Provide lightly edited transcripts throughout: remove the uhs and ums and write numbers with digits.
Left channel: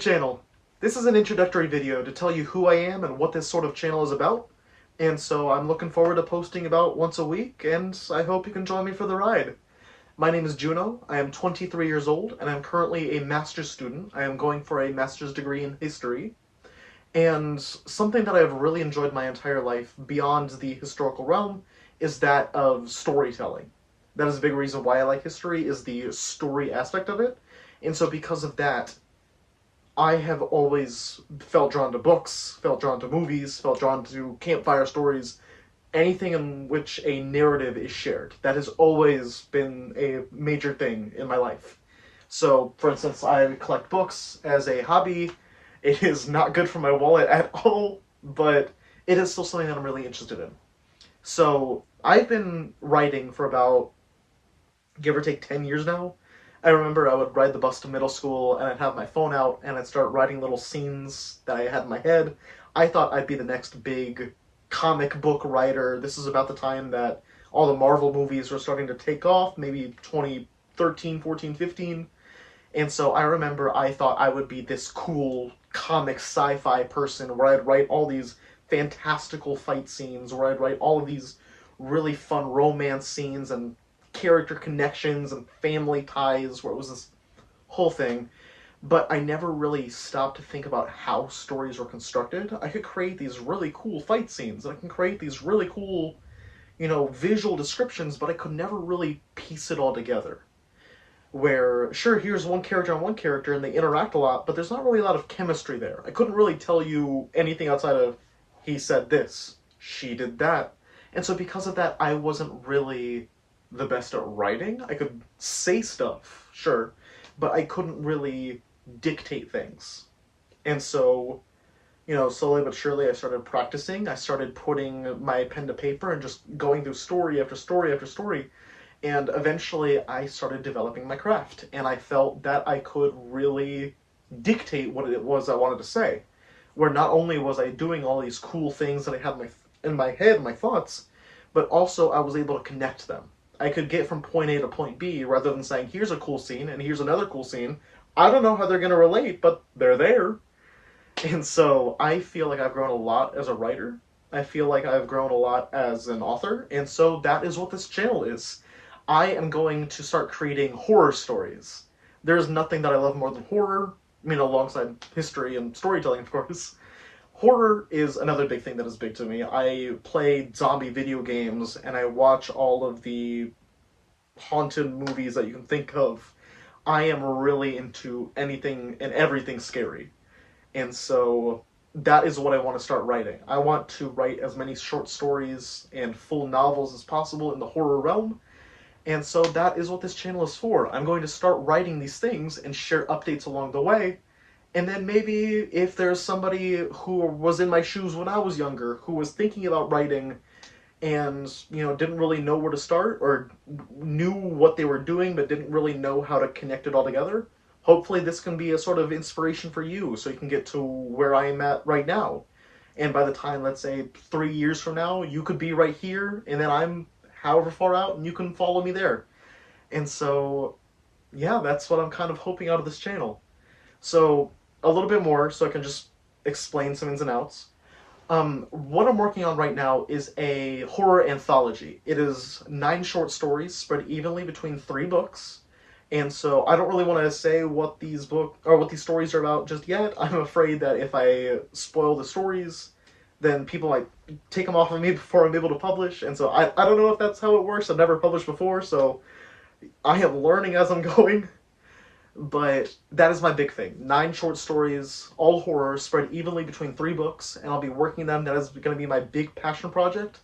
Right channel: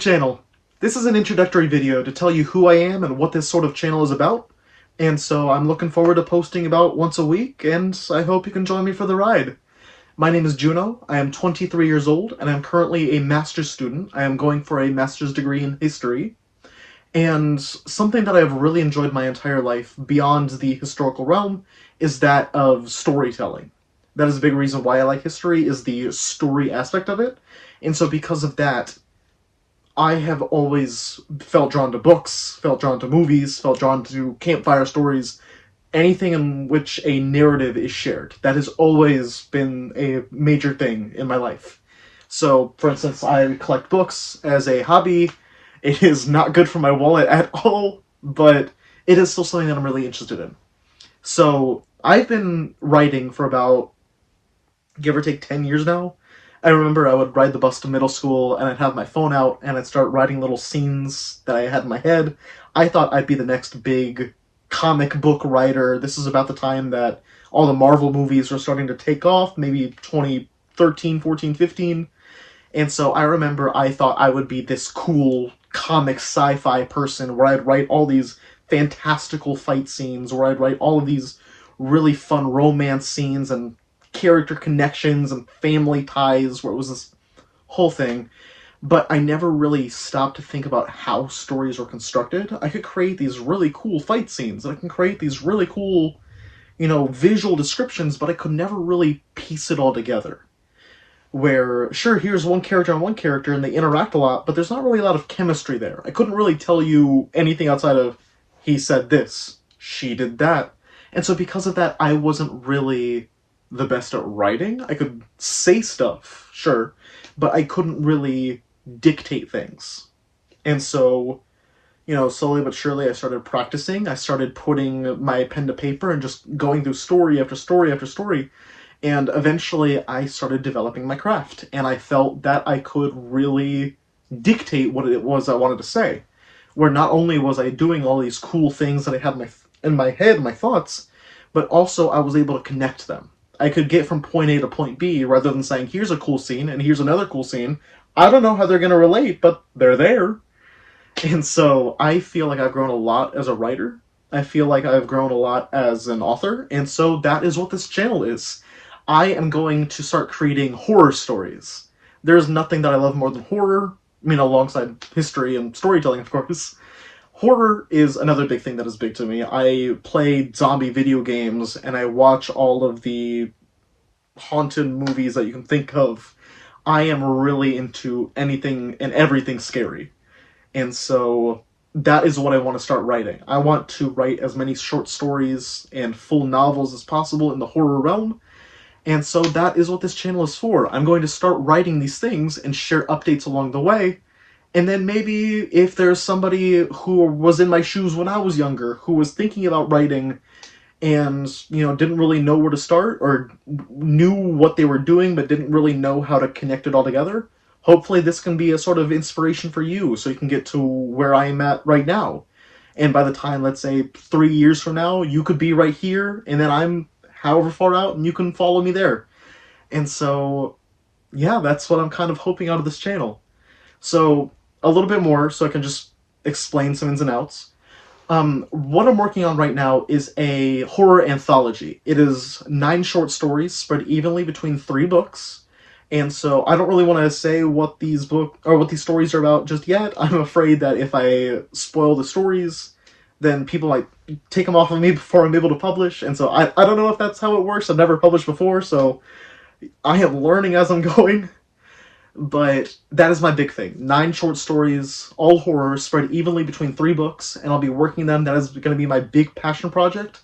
channel. This is an introductory video to tell you who I am and what this sort of channel is about, and so I'm looking forward to posting about once a week, and I hope you can join me for the ride. My name is Juno, I am 23 years old, and I'm currently a master's student. I am going for a master's degree in history, and something that I've really enjoyed my entire life, beyond the historical realm, is that of storytelling. That is a big reason why I like history, is the story aspect of it, and so because of that, I have always felt drawn to books, felt drawn to movies, felt drawn to campfire stories, anything in which a narrative is shared. That has always been a major thing in my life. So, for instance, I collect books as a hobby. It is not good for my wallet at all, but it is still something that I'm really interested in. So, I've been writing for about, give or take, 10 years now. I remember I would ride the bus to middle school, and I'd have my phone out, and I'd start writing little scenes that I had in my head. I thought I'd be the next big comic book writer. This is about the time that all the Marvel movies were starting to take off, maybe 2013, 14, 15. And so I remember I thought I would be this cool comic sci-fi person where I'd write all these fantastical fight scenes, where I'd write all of these really fun romance scenes and character connections and family ties, where it was this whole thing. But I never really stopped to think about how stories were constructed. I could create these really cool fight scenes, I can create these really cool, visual descriptions, but I could never really piece it all together. Where, sure, here's one character and one character, and they interact a lot, but there's not really a lot of chemistry there. I couldn't really tell you anything outside of, he said this, she did that. And so because of that, I wasn't really the best at writing. I could say stuff, sure, but I couldn't really dictate things. And so, slowly but surely I started practicing. I started putting my pen to paper and just going through story after story after story. And eventually I started developing my craft, and I felt that I could really dictate what it was I wanted to say. Where not only was I doing all these cool things that I had in my head, my thoughts, but also I was able to connect them. I could get from point A to point B, rather than saying, here's a cool scene, and here's another cool scene. I don't know how they're going to relate, but they're there. And so I feel like I've grown a lot as a writer. I feel like I've grown a lot as an author, and so that is what this channel is. I am going to start creating horror stories. There's nothing that I love more than horror. I mean, alongside history and storytelling, of course. Horror is another big thing that is big to me. I play zombie video games, and I watch all of the haunted movies that you can think of. I am really into anything and everything scary. And so that is what I want to start writing. I want to write as many short stories and full novels as possible in the horror realm. And so that is what this channel is for. I'm going to start writing these things and share updates along the way. And then maybe if there's somebody who was in my shoes when I was younger, who was thinking about writing and, didn't really know where to start, or knew what they were doing but didn't really know how to connect it all together, hopefully this can be a sort of inspiration for you so you can get to where I am at right now. And by the time, let's say, 3 years from now, you could be right here, and then I'm however far out, and you can follow me there. And so, yeah, that's what I'm kind of hoping out of this channel. So, a little bit more, so I can just explain some ins and outs. What I'm working on right now is a horror anthology. It is 9 short stories spread evenly between 3 books. And so I don't really want to say what these stories are about just yet. I'm afraid that if I spoil the stories, then people might take them off of me before I'm able to publish. And so I don't know if that's how it works. I've never published before, so I am learning as I'm going. But that is my big thing. 9 short stories, all horror, spread evenly between 3 books, and I'll be working them. That is going to be my big passion project.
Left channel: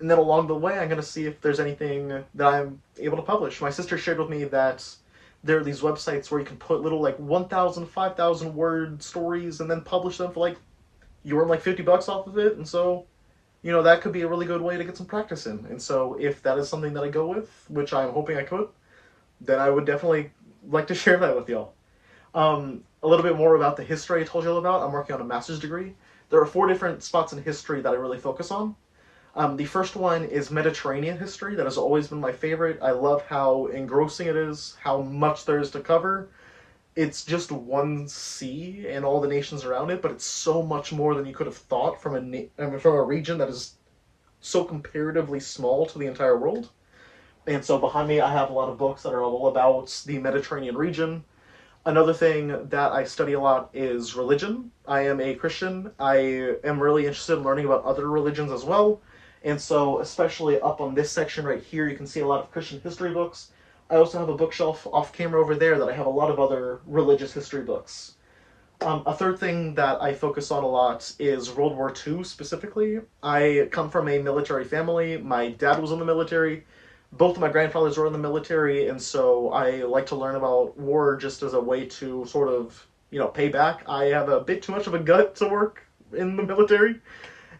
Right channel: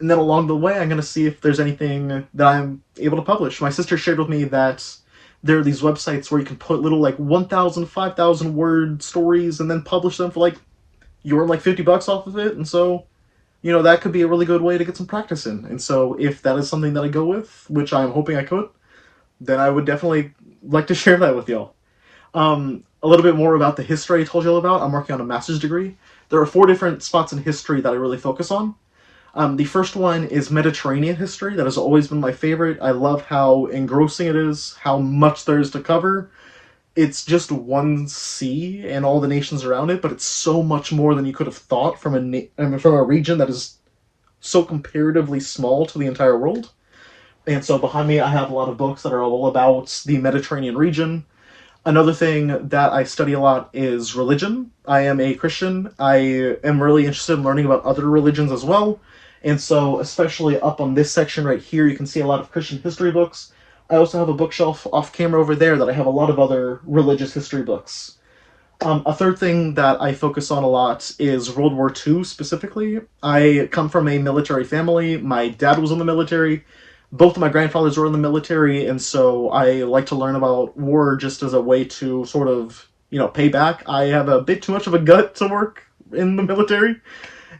And then along the way, I'm going to see if there's anything that I'm able to publish. My sister shared with me that there are these websites where you can put little 1,000, 5,000 word stories and then publish them for you earn $50 off of it. And so, that could be a really good way to get some practice in. And so if that is something that I go with, which I'm hoping I could, then I would definitely like to share that with y'all. A little bit more about the history I told you all about. I'm working on a master's degree. There are 4 different spots in history that I really focus on. The first one is Mediterranean history. That has always been my favorite. I love how engrossing it is, how much there is to cover. it's just one sea and all the nations around it, but it's so much more than you could have thought from from a region that is so comparatively small to the entire world. And so behind me, I have a lot of books that are all about the Mediterranean region. Another thing that I study a lot is religion. I am a Christian. I am really interested in learning about other religions as well. And so, especially up on this section right here, you can see a lot of Christian history books. I also have a bookshelf off camera over there that I have a lot of other religious history books. A third thing that I focus on a lot is World War II specifically. I come from a military family. My dad was in the military. Both of my grandfathers were in the military, and so I like to learn about war just as a way to sort of, pay back. I have a bit too much of a gut to work in the military,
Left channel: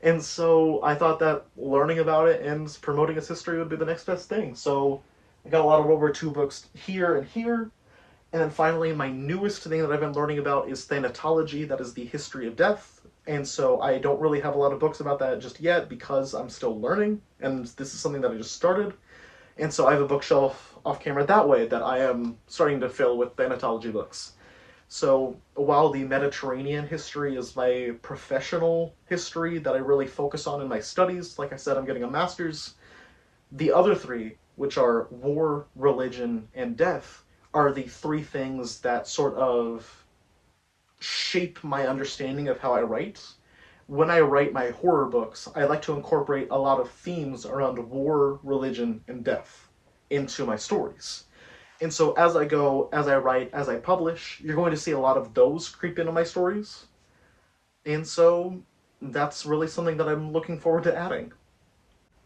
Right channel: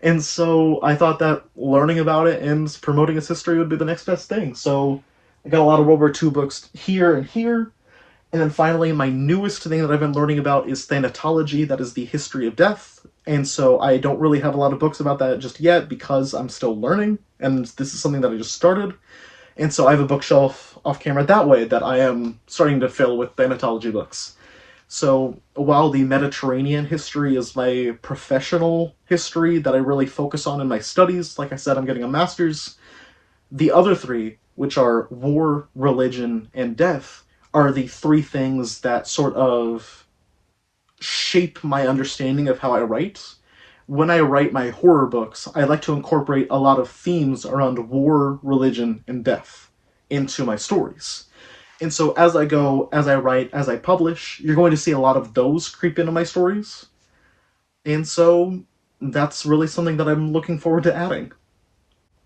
and so I thought that learning about it and promoting its history would be the next best thing. So I got a lot of World War II books here and here. And then finally, my newest thing that I've been learning about is thanatology, that is the history of death. And so I don't really have a lot of books about that just yet because I'm still learning, and this is something that I just started. And so I have a bookshelf off camera that way that I am starting to fill with thanatology books. So while the Mediterranean history is my professional history that I really focus on in my studies, like I said, I'm getting a master's, the other three, which are war, religion, and death, are the three things that sort of shape my understanding of how I write. When I write my horror books, I like to incorporate a lot of themes around war, religion, and death into my stories. And so as I go, as I write, as I publish, you're going to see a lot of those creep into my stories. And so that's really something that I'm looking forward to adding.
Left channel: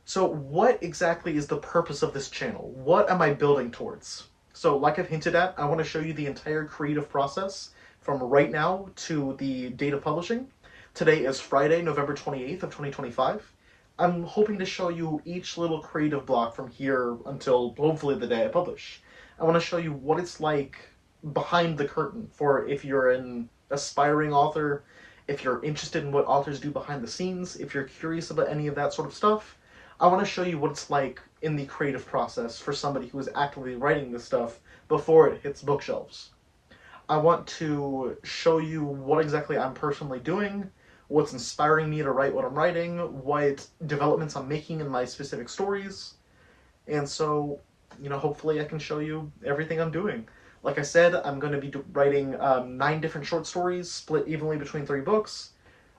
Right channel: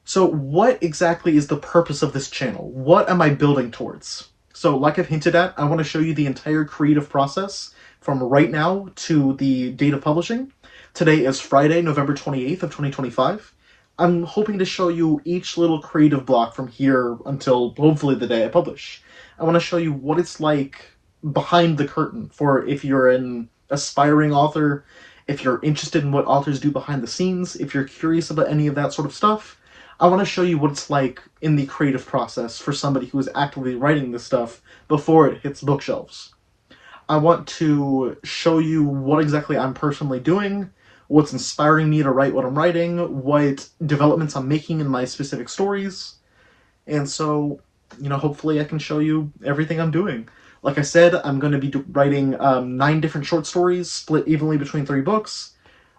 So what exactly is the purpose of this channel? What am I building towards? So like I've hinted at, I want to show you the entire creative process from right now to the date of publishing. Today is Friday, November 28th of 2025. I'm hoping to show you each little creative block from here until hopefully the day I publish. I want to show you what it's like behind the curtain for if you're an aspiring author, if you're interested in what authors do behind the scenes, if you're curious about any of that sort of stuff. I want to show you what it's like in the creative process for somebody who is actively writing this stuff before it hits bookshelves. I want to show you what exactly I'm personally doing, what's inspiring me to write what I'm writing, what developments I'm making in my specific stories, and so, hopefully I can show you everything I'm doing. Like I said, I'm going to be writing 9 different short stories, split evenly between 3 books.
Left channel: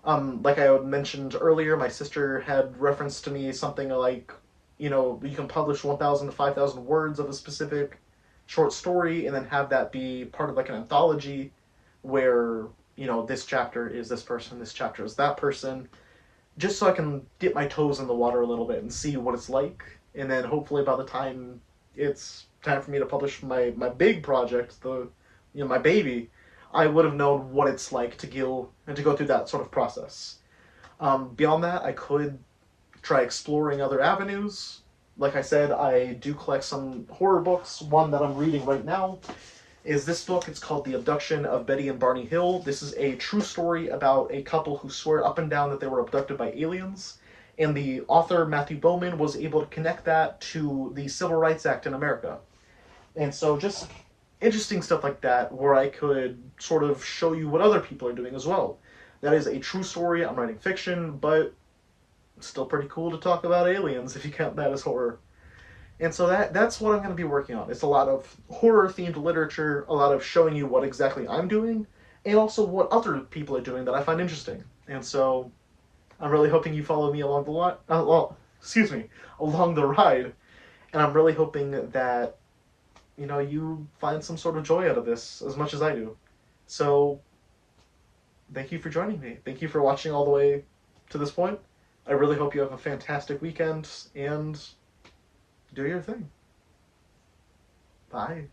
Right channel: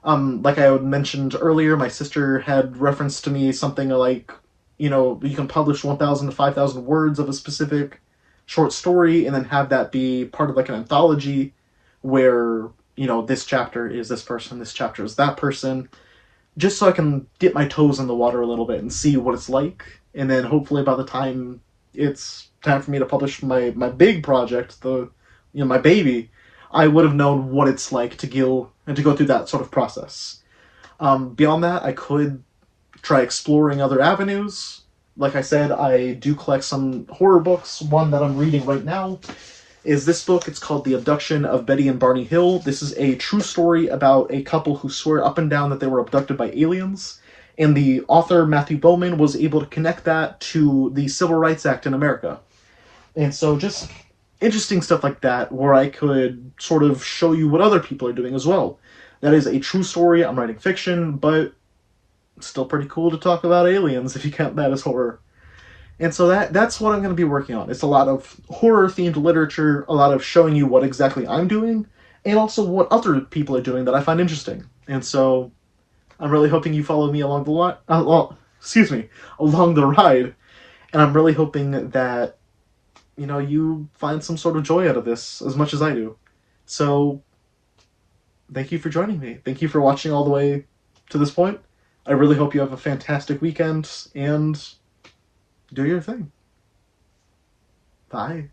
Like I mentioned earlier, my sister had referenced to me something like, you can publish 1,000 to 5,000 words of a specific short story and then have that be part of like an anthology where, this chapter is this person, this chapter is that person, just so I can dip my toes in the water a little bit and see what it's like. And then hopefully by the time it's time for me to publish my big project, my baby, I would have known what it's like to go through that sort of process. Beyond that, I could try exploring other avenues. Like I said, I do collect some horror books. One that I'm reading right now is this book. It's called The Abduction of Betty and Barney Hill. This is a true story about a couple who swear up and down that they were abducted by aliens. And the author, Matthew Bowman, was able to connect that to the Civil Rights Act in America. And so just interesting stuff like that, where I could sort of show you what other people are doing as well. That is a true story. I'm writing fiction, but it's still pretty cool to talk about aliens if you count that as horror. And so that's what I'm going to be working on. It's a lot of horror-themed literature, a lot of showing you what exactly I'm doing, and also what other people are doing that I find interesting. And so I'm really hoping you follow me along the along the ride. And I'm really hoping that, you find some sort of joy out of this as much as I do. So thank you for joining me. Thank you for watching all the way to this point. I really hope you have a fantastic weekend, and do your thing. Bye.